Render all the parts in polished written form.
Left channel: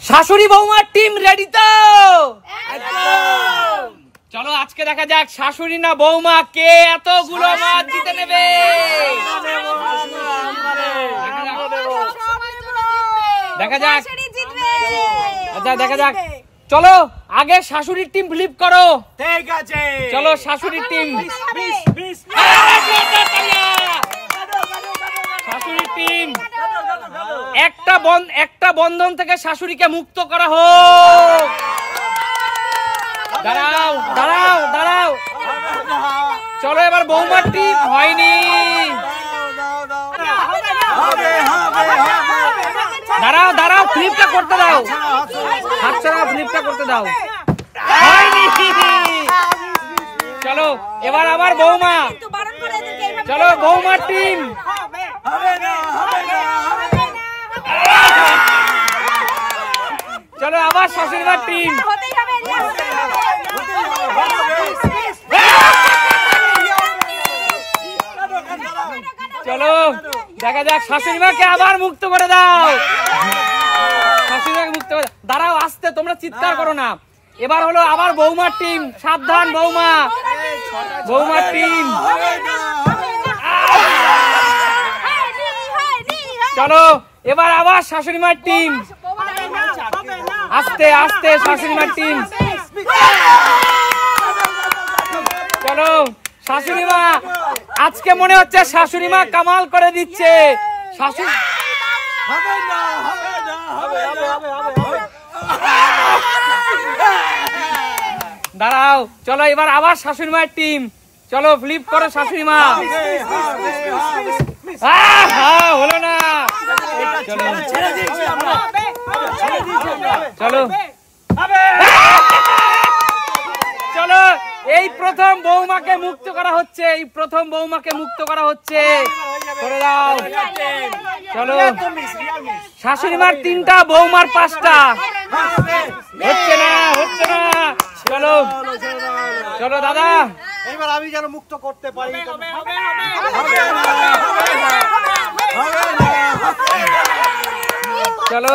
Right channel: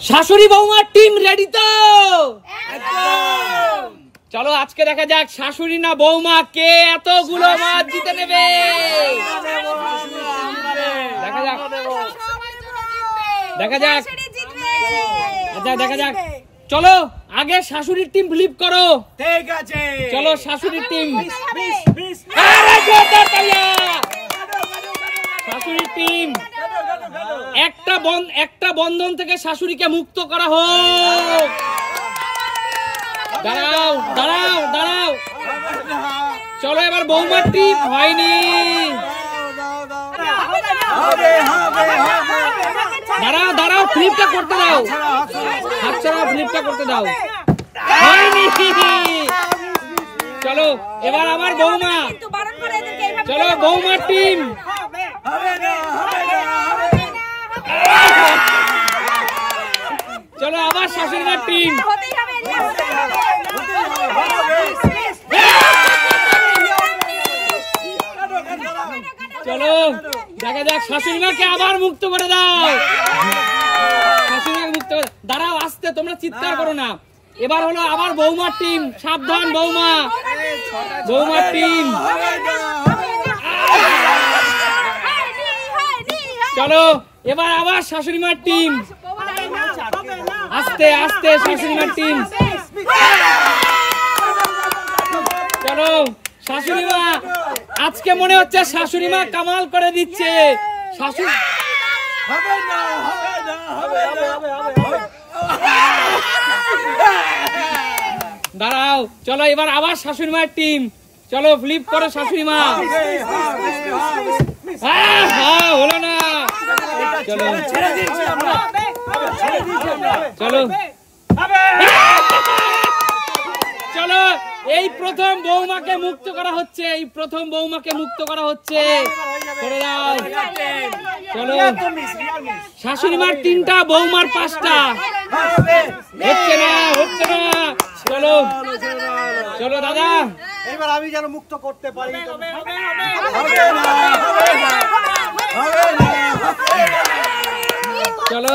শাশুড়ি বৌমার team ready তো? চলো আজকে দেখা যাক শাশুড়ি না বৌমা কে এতগুলো মাছ জিতে নেবে। দেখা যাক, আচ্ছা দেখা যাক। চলো আগে শাশুড়ির টিম ফ্লিপ করো। ঠিক আছে, চলো শাশুড়ির টিম। শাশুড়ির টিম একটা বন্ধন থেকে শাশুড়িকে মুক্ত করা হোক। দাঁড়াও দাঁড়াও দাঁড়াও, চলো এবার বৌমার টিম হয়নি। দাঁড়াও দাঁড়াও, ফ্লিপটা করতে দাও, হাতছাড়া ফ্লিপটা করতে দাও। চলো এবার আবার বৌমা, চলো বৌমার টিম। চলো আবার শাশুড়িমার টিম। চলো দেখা যাক শাশুড়িমাকে আবার মুক্ত করে দাও। শাশুড়িমাকে মুক্ত করে দাঁড়াও, আসতে তোমরা চিৎকার করো না। এবার হলো আবার বৌমার টিম, সাবধান বৌমা, বৌমার টিম। চলো এবার আবার শাশুড়িমার টিম, আস্তে আস্তে শাশুড়িমার টিম। চলো শাশুড়িমা, আজকে মনে হচ্ছে শাশুড়িমা কামাল করে দিচ্ছে। শাশুড়ি দাঁড়াও, চলো এবার আবার শাশুড়িমার টিম। চলো ফ্লিপ করো শাশুড়িমা। হলো না, চলো চলো এই প্রথম বৌমাকে মুক্ত করা হচ্ছে, এই প্রথম বৌমাকে মুক্ত করা হচ্ছে। করে দাও। চলো শাশুড়িমার 3টা, বৌমার 5টা। হচ্ছে না হচ্ছে না। চলো চলো দাদা, এবার আমি যেন মুক্ত করতে পারি। চলো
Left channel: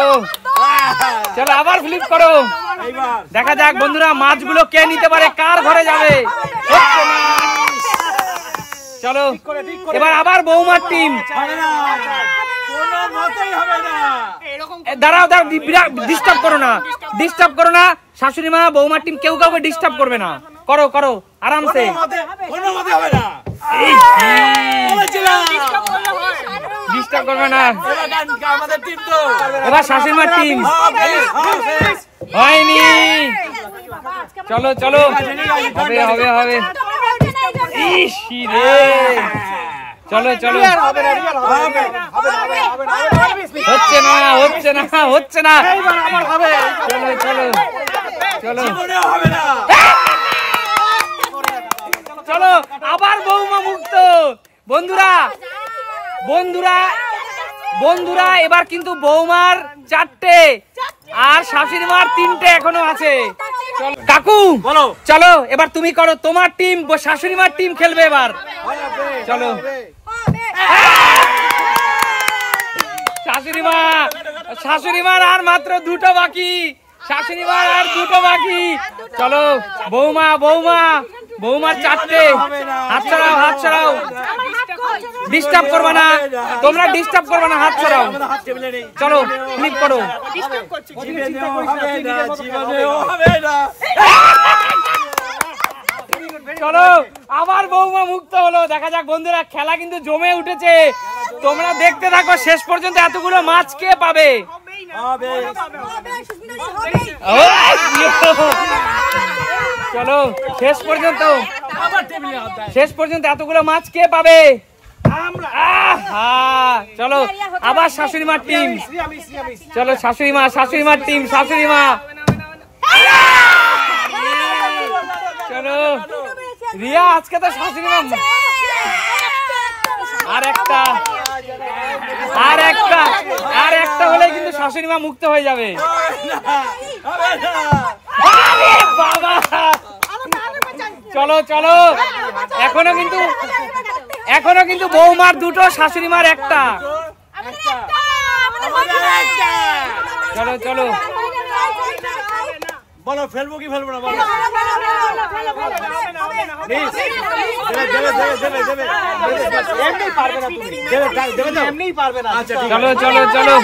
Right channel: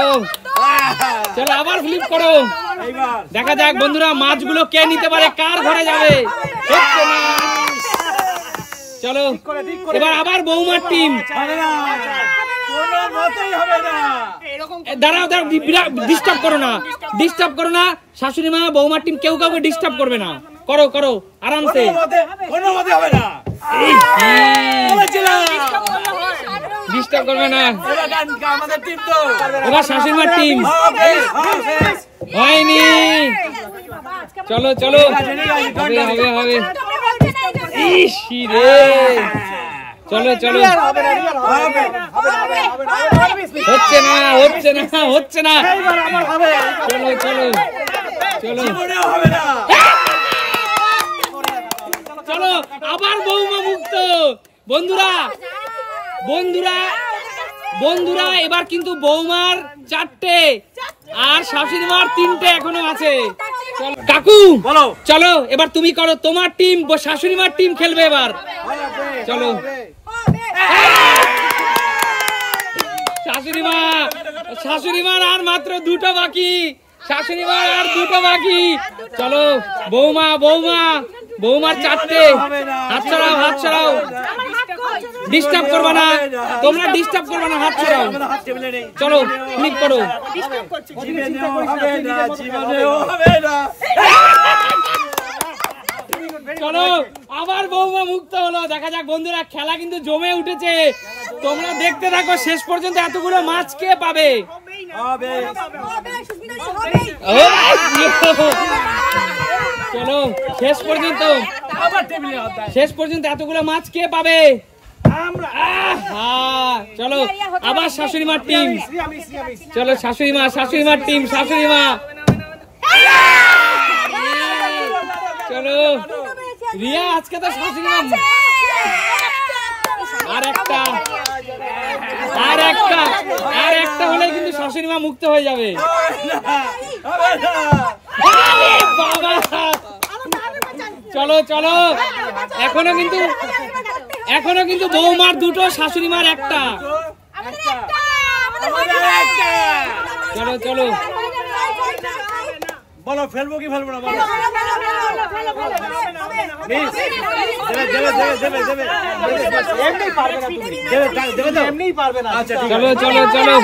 চলো আবার ফ্লিপ করো। দেখা যাক বন্ধুরা মাছগুলো কে নিতে পারে, কার ঘরে যাবে। চলো এবার আবার বৌমার টিম। দাঁড়াও দাঁড়াও, ডিস্টার্ব করো না, ডিস্টার্ব করো না। শাশুড়ি মা বৌমার টিম কেউ কাউকে ডিস্টার্ব করবে না। করো করো আরামসে। ডিস্টার্ব করবে না। এবার শাশুড়িমার টিম হয়নি। চলো চলো, হবে হবে হবে। চলো চলো, হচ্ছে না হচ্ছে না হচ্ছে না। চলো চলো চলো চলো আবার বৌমা মুক্ত। বন্ধুরা বন্ধুরা বন্ধুরা, এবার কিন্তু বৌমার 4টে আর শাশুড়িমার 3টে এখনো আছে। কাকু বলো, চলো এবার তুমি করো, তোমার টিম শাশুড়িমার টিম খেলবে এবার। চলো শাশুড়িমা, শাশুড়িমার আর মাত্র 2টো বাকি, শাশুড়িমার আর 2টো বাকি। চলো বৌমা বৌমা, বৌমার 4টে। হাত ছাড়াও হাত ছাড়াও, ডিস্টার্ব করবে না তোমরা, ডিস্টার্ব করবে না, হাত ছাড়াও। চলো ক্লিক করো। চলো আবার বৌমা মুক্ত হলো। দেখা যাক বন্ধুরা, খেলা কিন্তু জমে উঠেছে। তোমরা দেখতে থাকো শেষ পর্যন্ত এতগুলো মাছ কে পাবে। চলো শেষ পর্যন্ত এতগুলো মাছ কে পাবে। চলো আবার শাশুড়িমার টিম। চলো শাশুড়িমা, শাশুড়িমার টিম, শাশুড়িমা। চলো রিয়া, আজকে তো শাশুড়িমা। আর একটা আর একটা আর একটা হলে কিন্তু শাশুড়িমা মুক্ত হয়ে যাবে। চলো চলো, এখনো কিন্তু বৌমার 2টো, শাশুড়িমার 1টা। চলো চলো বলো ফেলবো কি ফেলবো না বলো এমনি পারবে না তুমি দেবে তো এমনিই পারবে না আচ্ছা ঠিক আছে চলো চলো চলো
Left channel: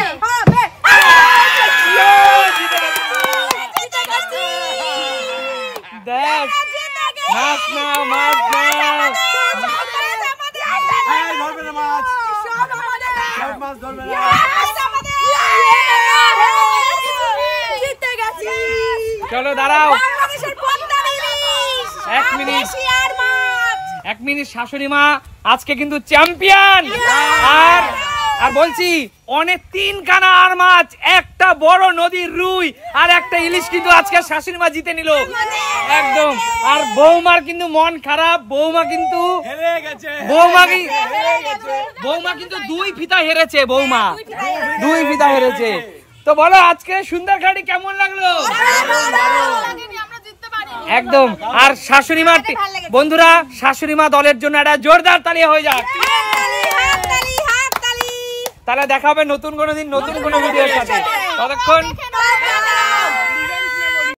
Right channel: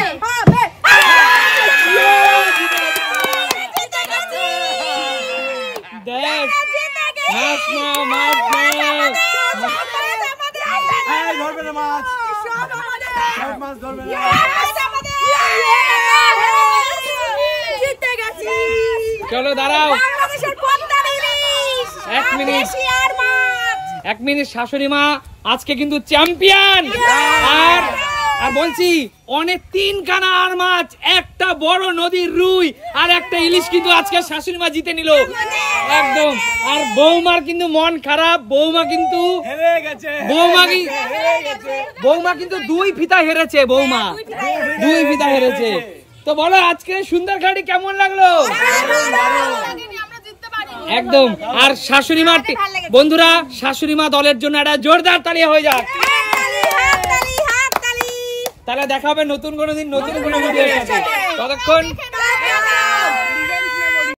দেখ মাছ নাও মাছ নাও এই ধরবে না মাছ মাছ ধরবে না চলো দাঁড়াও এক মিনিট শাশুড়ি মা আজকে কিন্তু চ্যাম্পিয়ন আর বলছি অনেক 3 খানা আর মাছ একটা বড় নদীর রুই আর একটা ইলিশ কিন্তু আজকে শাশুড়ি মা জিতে নিল একদম আর বৌমার কিন্তু মন খারাপ বৌমা কিন্তু হেরে গেছে বৌমা কিন্তু 2 ফিতা হেরেছে বৌমা 2 ফিতা হেরেছে তো বলো আজকে সুন্দরঘাটি কেমন লাগলো একদম আর শাশুড়ি মা বন্ধুরা শাশুড়ি মা দলের জন্য একটা জোরদার তালি হয়ে যাক তাহলে দেখা হবে নতুন কোনো দিন নতুন কোনো ভিডিওর সাথে ততক্ষণ